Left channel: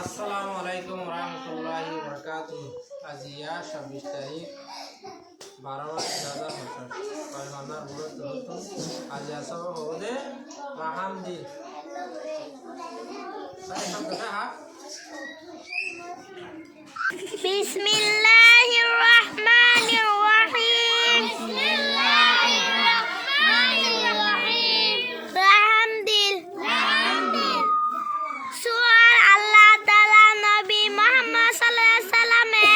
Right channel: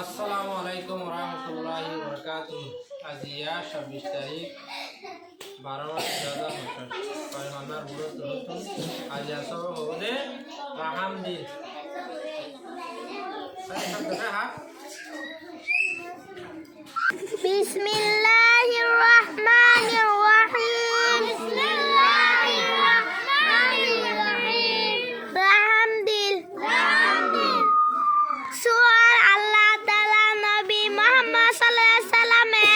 আসসালামু আলাইকুম রহমতুল্লাহি বরকাতুহু। আজিয়া 26 তারিখ 12 মাস 2025 পয়গম্বর বুরত নতুন আজিয়া সব হবে রাহামদিন সাই শব্দটা হা বিসমিল্লাহির রহমানির রহিম রাহামদিন সূরা আল্লাহ তাআলা নবী মুহাম্মদ সাল্লাল্লাহু আলাইহি সাল্লামে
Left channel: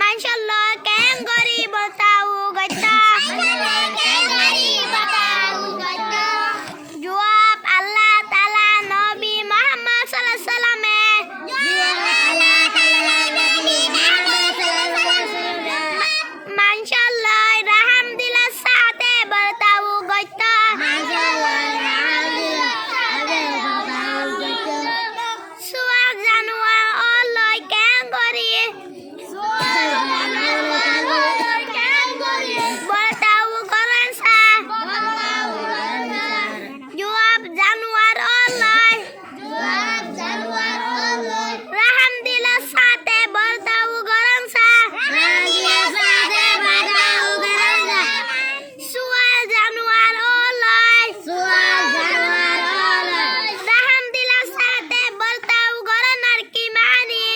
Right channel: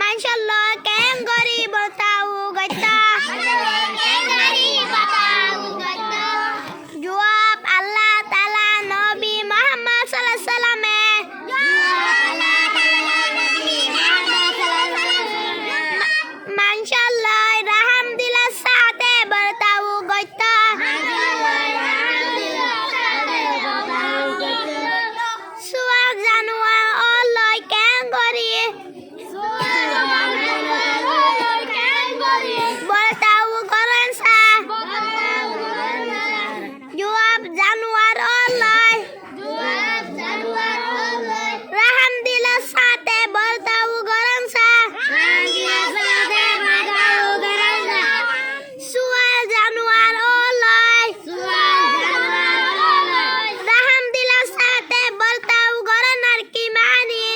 মাশাআল্লাহ কেন গরিব তাও গতা জবাব আল্লাহ তাআলা নবী মুহাম্মদ সাল্লাল্লাহু আলাইহি সাল্লামে মাশাআল্লাহ রাহাম দিলা সাথে বতাও গতা সুয়াগ জানুয়ার অলয় কেন গরি বতাও করেন সা জবাব জানুয়ার অলয় রাহাম দিলা সাথে বতাও করেন সা সুয়াগ জানুয়ার অলয় রাহাম দিলা সাথে বতাও করেন আর কি মানি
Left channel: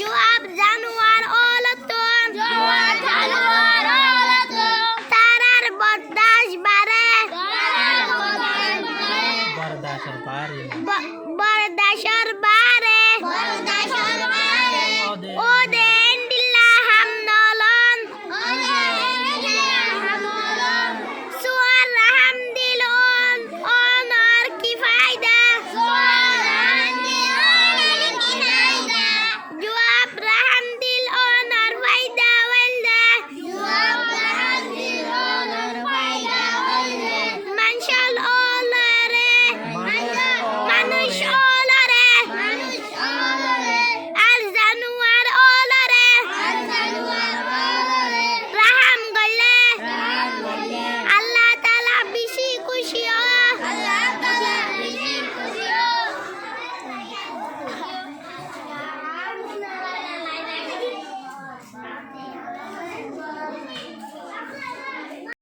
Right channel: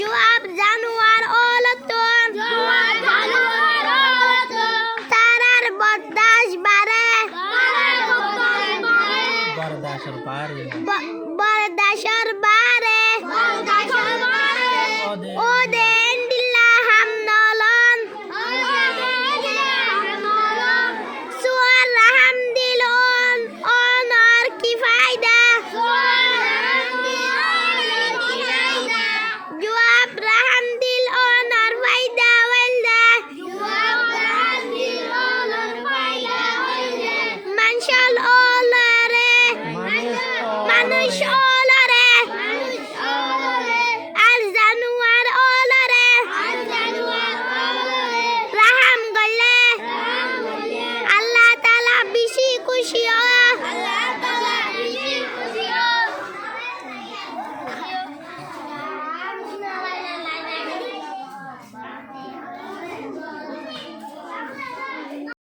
জবাব জানুয়ার অলতন তারার বরদাস বারে বরদাসর পারে বরদাসর বারে